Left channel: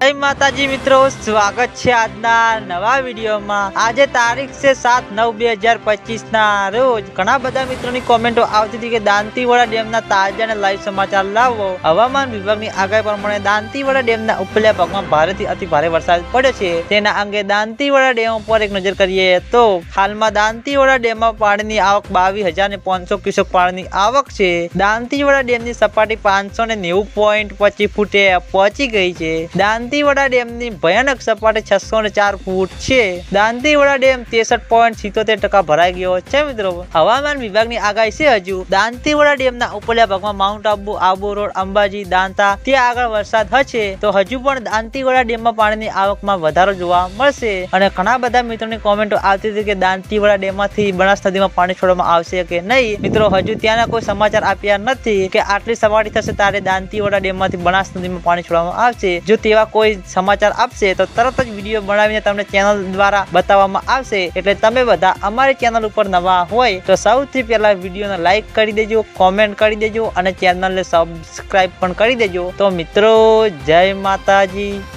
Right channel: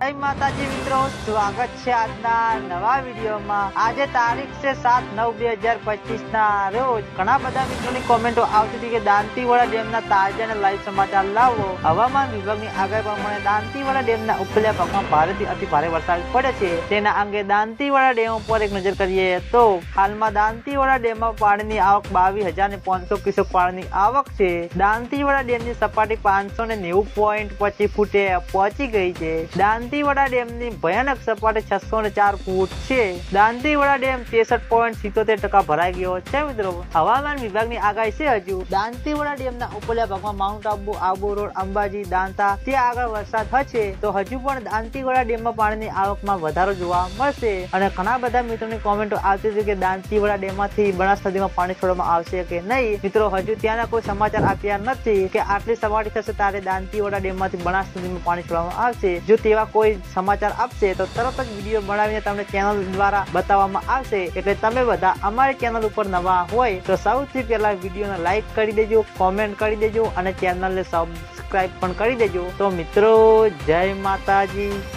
जय माताजी मित्रों, स्वागत है आजना नवा वीडियो में। आज तारीख से 7/9/2025 ना रोज घना बधा मित्रों की कॉमेंटो आवती थी कि दांतीवाड़ा डेम ना ताजा ने लाइव समाचार लावो। हवामान विभाग की आगाही प्रमाणे दांतीवाड़ा डेम ना उपल्या भाग में भारे थी अति भारे वरसाद पड़े छे। तेना अंगे दांतीवाड़ा डेम पर एक नजर करिए तो हाल में दांतीवाड़ा डेम में पानी की आवक 22,500 क्यूसेक पानी की आवक छे। दांतीवाड़ा डेम की सपाटी 590.25 फूटे पहुंची गई है। दांतीवाड़ा डेम की भयानक सपाटी 604 फूट है। दांतीवाड़ा डेम 63.77% भराई गयो है। मित्रों, हवामान विभाग की आगाही से हजू दांतीवाड़ा डेम ना उपल्या भाग में माउंट आबू, आबू रोड, अंबाजी, दांता त्या आगळ वरसाद हशे तो हजू पण दांतीवाड़ा डेम में पानी की आवक में वधारो जोवा मळशे। अने घणा बधा मित्रों की कॉमेंटो आवती थी कि दांतीवाड़ा डेम मांथी बनास नदी में पानी छोड़वामां आवशे के नहीं। मित्रों, हजू त्याना कोई समाचार आप्या नथी कि आटली सपाटी थशे त्यारे दांतीवाड़ा डेम मांथी बनास नदी में पानी छोड़वामां आवशे। जो तेवा कोई समाचार आपशे तो तरत ज विडियो बनावीने तमने चेनल द्वारा बताववामां आवशे। एटले तमे बधा अमारी चेनल उपर नवा होय तो सौथी पहेला विडियोने लाइक करी देजो, कॉमेंट करी देजो अने चेनलने सब्सक्राइब पण करी देजो। तो मित्रों, जय माताजी।